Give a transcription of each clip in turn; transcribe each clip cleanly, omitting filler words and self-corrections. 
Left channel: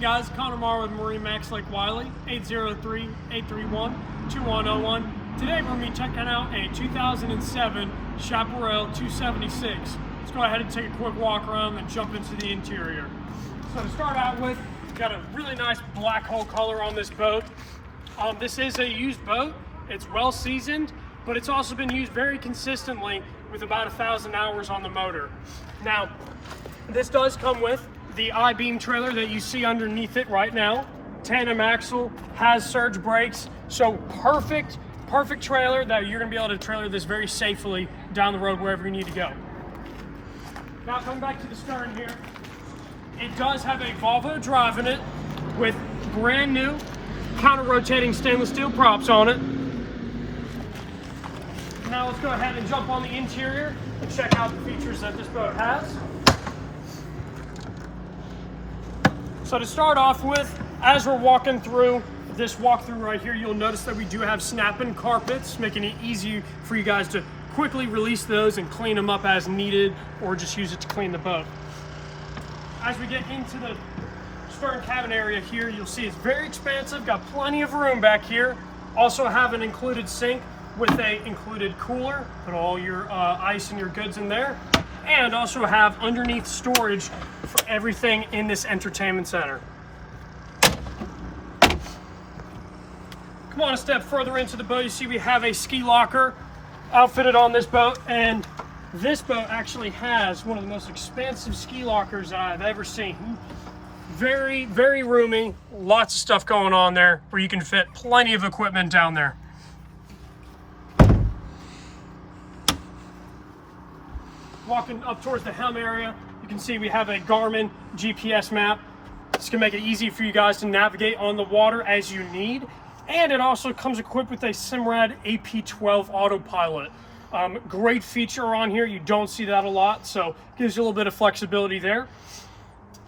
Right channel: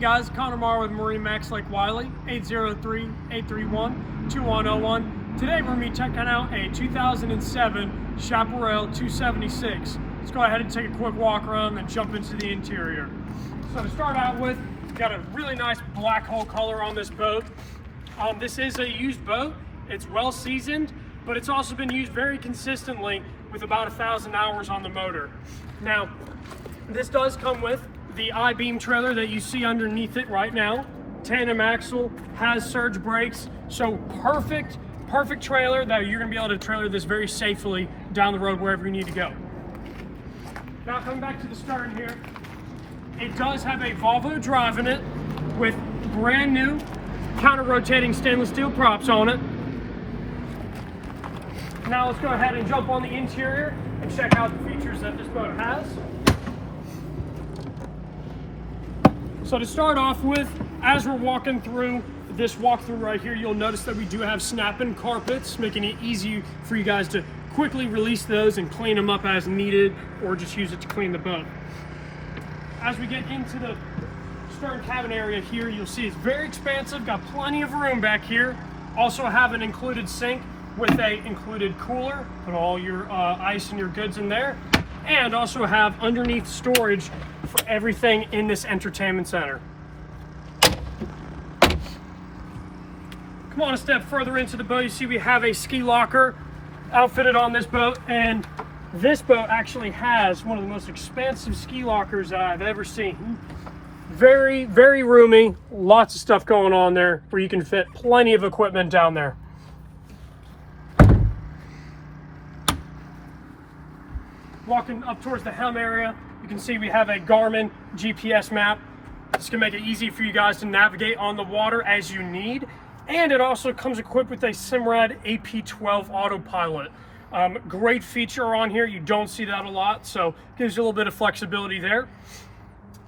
guys, Connor Marr with MarineMax Lake Wylie, 803-831-2101. Today we're going to be checking out a 2007 Chaparral 276. Let's go ahead and take a quick walk around and jump into the interior. So to start out with, got a really nice black hull color on this boat. This is a used boat. It's well seasoned, but it's also been used very consistently with about 1,000 hours on the motor. Now, this does come with the I-beam trailer that you see underneath it right now. Tandem axle, has surge brakes, so perfect trailer that you're gonna be able to trailer this very safely down the road wherever you need to go. Now coming back to the stern here, it does have a Volvo drive in it with brand new counter-rotating stainless steel props on it. Now let's go ahead and jump on the interior and check out the features that this boat has. So to start off with, as we're walking through this walkthrough right here, you'll notice that we do have snap-in carpets, making it easy for you guys to quickly release those and clean them up as needed, or just use it to clean the boat. As we get into the stern cabin area here, you'll see it's very expansive, got plenty of room back here. Also have an included sink with a included cooler, put all your ice and your goods in there, and also have underneath storage for everything in this entertainment center. Come on a step further into the boat, you see we have a ski locker outfitted on this boat, and this boat actually has one of the most expansive ski lockers that I've ever seen. Very, very roomy, lots of stuff going on there where you can fit plenty of equipment down there. Walking up towards the helm area, you can see we have a Garmin GPS map. It's gonna make it easy for you guys to navigate on the water as you need. And it also comes equipped with a Simrad AP12 autopilot. Great feature on here, you don't see that a lot, so gives you a little bit of flexibility there.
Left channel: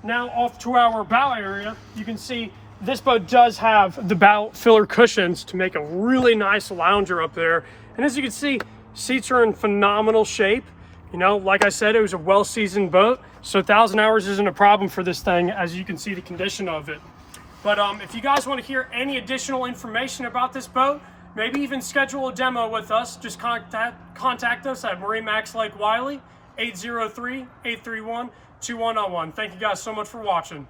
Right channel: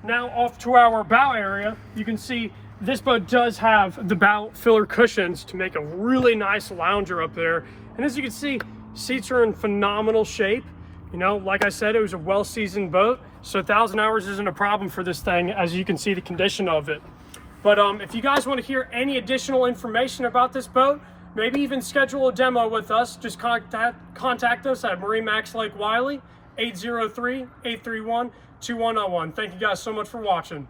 Now off to our bow area, you can see this boat does have the bow filler cushions to make a really nice lounger up there. And as you can see, seats are in phenomenal shape. You know, like I said, it was a well-seasoned boat, so 1,000 hours isn't a problem for this thing, as you can see the condition of it. But if you guys want to hear any additional information about this boat, maybe even schedule a demo with us, just contact us at MarineMax Lake Wylie, 803-831-2101. Thank you guys so much for watching.